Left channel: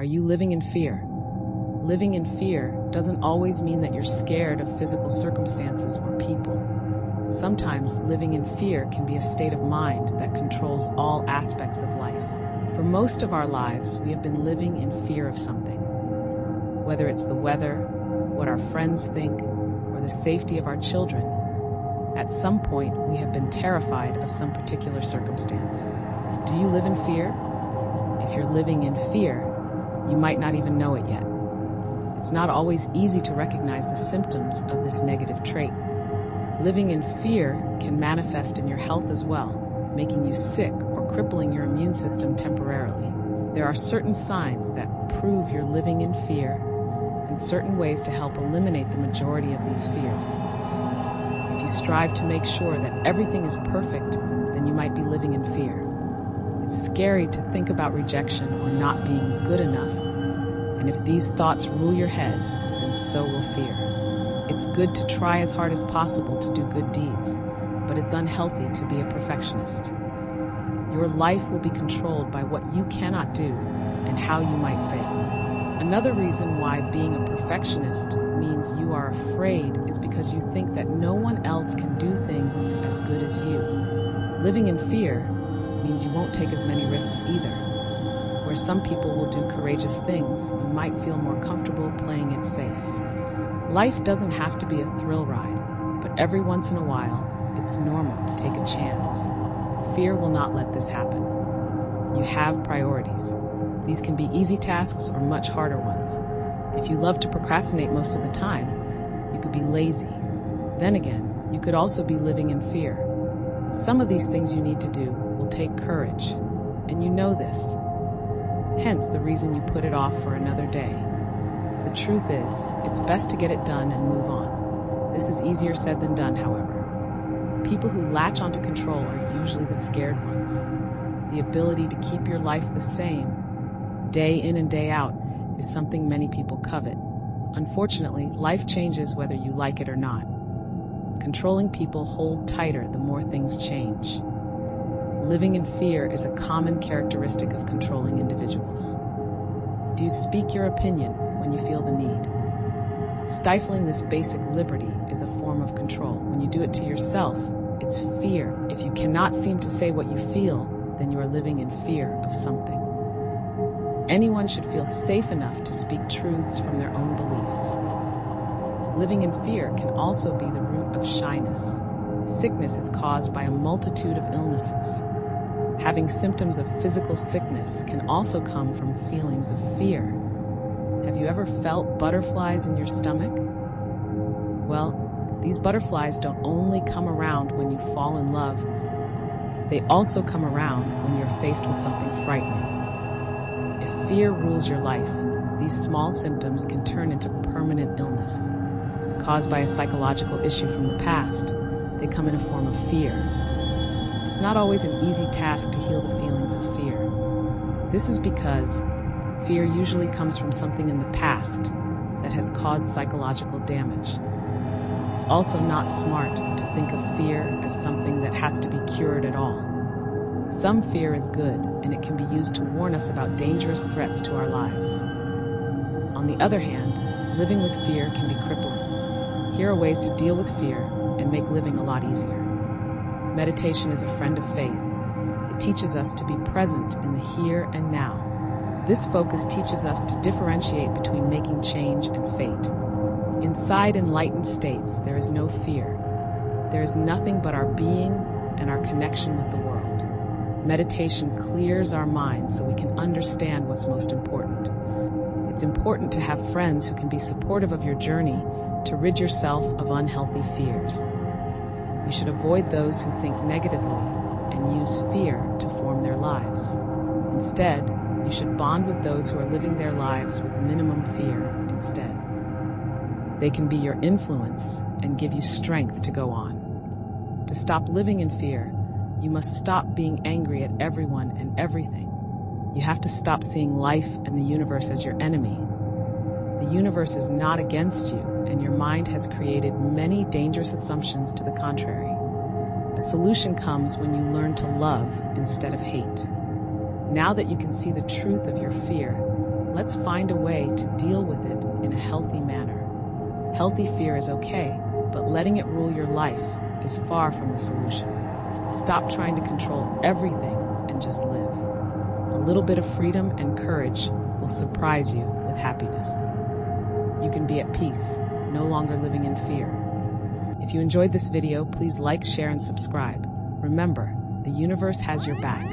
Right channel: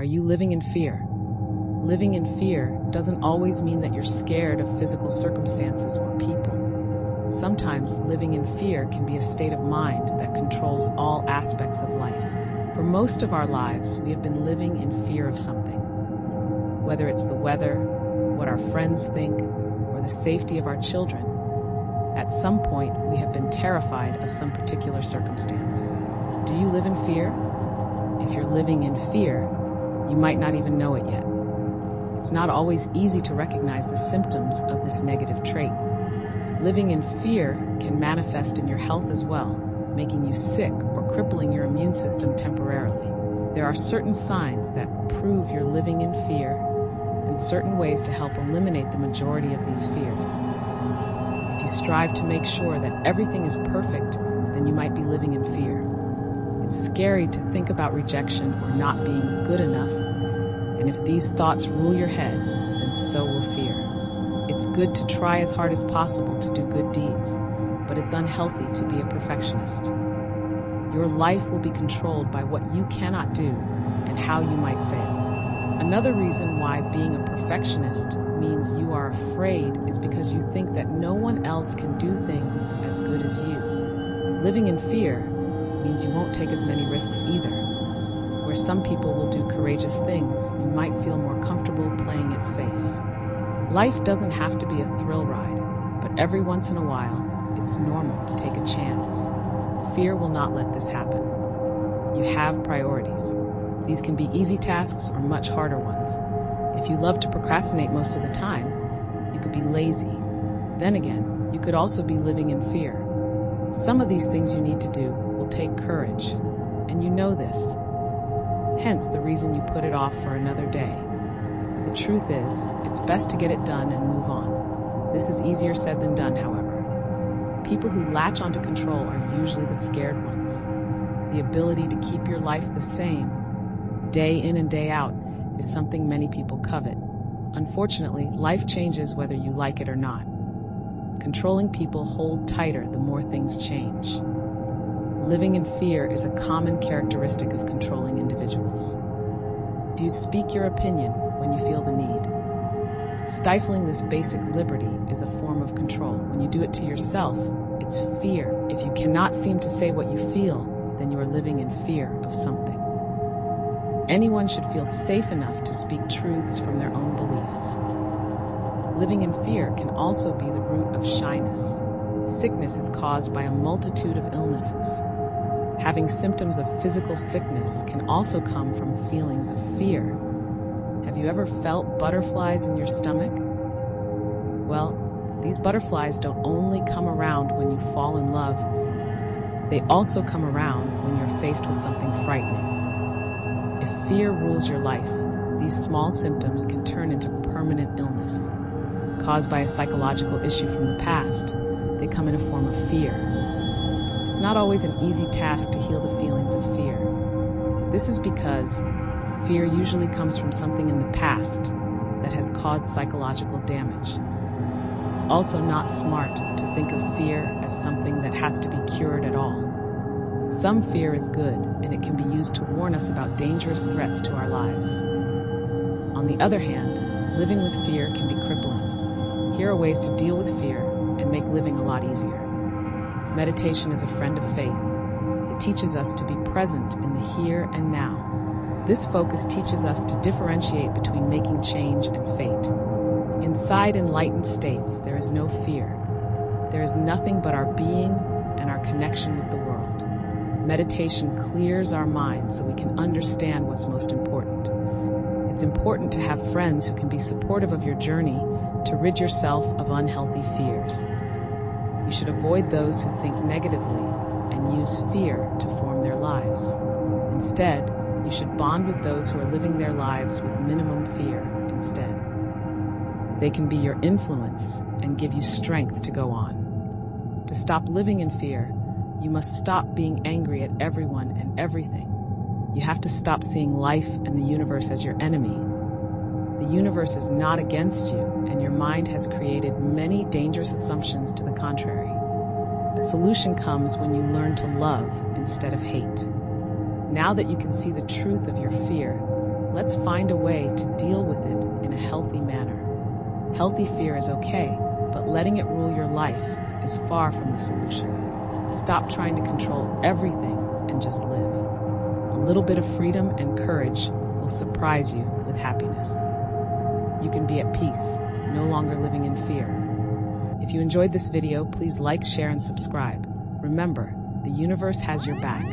Are you living in fear? Living in fear doesn't always mean that you're scared of physical circumstances or people. Sometimes living in fear can be a state of mind that controls all aspects of life. For most of our lives, we have been living in fear of something. Whether it's the weather, what our friends think, or the safety of our children, at some point we have been terrified of some particular circumstance. Do you live in fear? If you're living in fear, you might not even know it yet. It's not always easy to recognize the symptoms of this negative trait. Living in fear can manifest in your health as well, making you sick or crippling your immune system temporarily. There are certain signs that prove you're living in fear and certain ways to help eliminate the majority of these fears. If you strive to make sure that everything is perfect, then you might be living in fear. It's scary to think about rejection or not being good enough, and if these thoughts rule your head, then so will fear. It's good to try as hard as possible to do good deeds, but it's unhealthy to be a perfectionist. Your life will be controlled by what you cannot do and how you might fail. Another reason why being a perfectionist means you are afraid is because you think that no one else can do things as good as you. Living in fear means you won't take as many risks either. Where some people will do courageous things, you might feel more comfortable playing it safe. Life doesn't have to be a thrill ride, but every once in a while, it's normal to take a chance. Fear will not let this happen. You have priorities. These can be easy tasks or much harder ones. If you love to procrastinate most of the time, you could be lazy. Then again, you could also be living in fear. Some of these things you need to do will take courage, and you know this. Hence the reason you put it off for another day. The truth is, it's best to get it done and move on. This is easier said than done, however. People who latch onto control are usually the scared ones. The ability to keep your life the same, day in and day out, is something many people covet. Unfortunately, life changes whether you like it or not. Controlling people hold tighter the more things change. Living in fear is a common characteristic of controlling individuals. Do you speak your opinion when you feel the need? Stifling this basic liberty is a form of control. When you do it to yourself, it's fear. If you cannot seem to say what you feel, then you are living in fear of something. Anyone should feel safe enough to speak truths from their own beliefs. Living in fear can also be the root of shyness. Sickness is caused by a multitude of illnesses. Having symptoms of physical sickness can also come from feelings of fear. Have you ever felt butterflies in your stomach? Well, these butterflies don't only come around when you fall in love, they also come around when you're faced with something frightening. If fear rules your life, these small symptoms can turn into permanent illness. Caused by a psychological issue from the past, they come in a form of fear. It's not always an easy task to heal the feelings of fear. This is because fear usually comes from something in the past that has caused psychological damage. It's also not smart to think of fear as something that has to be cured at all. Some fear is good, and it can be used to warn us about dangerous threats to our lives. On the other hand, living with fear can be crippling. Here are ways to deal with fear and make living a lot easier. Meditation is a friend of faith. It teaches us to be present in the here and now. This focus teaches us to differentiate between making change and fate. Inside enlightened states, there is no fear. There is nothing but our being and our connection with the world. Meditation clears our minds so we can understand what's most important. It's important to have friends who can be supportive of your journey to rid yourself of unhealthy fears. You should avoid those who think negatively and use fear to form their lives. Instead, you should bond with those who are living their lives with minimum fear instead. They can be your influence and give you strength to go on. To stop living in fear, you must stop being angry at everyone and everything. You have to stop seeing life and the universe as your enemy. The universe is not against you, and your mind has created many dangerous assumptions to the contrary. A solution comes when you learn to love instead of hate. Now that you can see the truth of your fear, Let's find a way to deal with it in a healthy manner. Healthy fear is okay, but letting it rule your life is far from the solution. Stop trying to control everything and just live. A little bit of freedom and courage will surprise you with happiness. You can be at peace, no longer living in fear. If you enjoyed this video, please like, share, and subscribe. Remember, the universe has your back.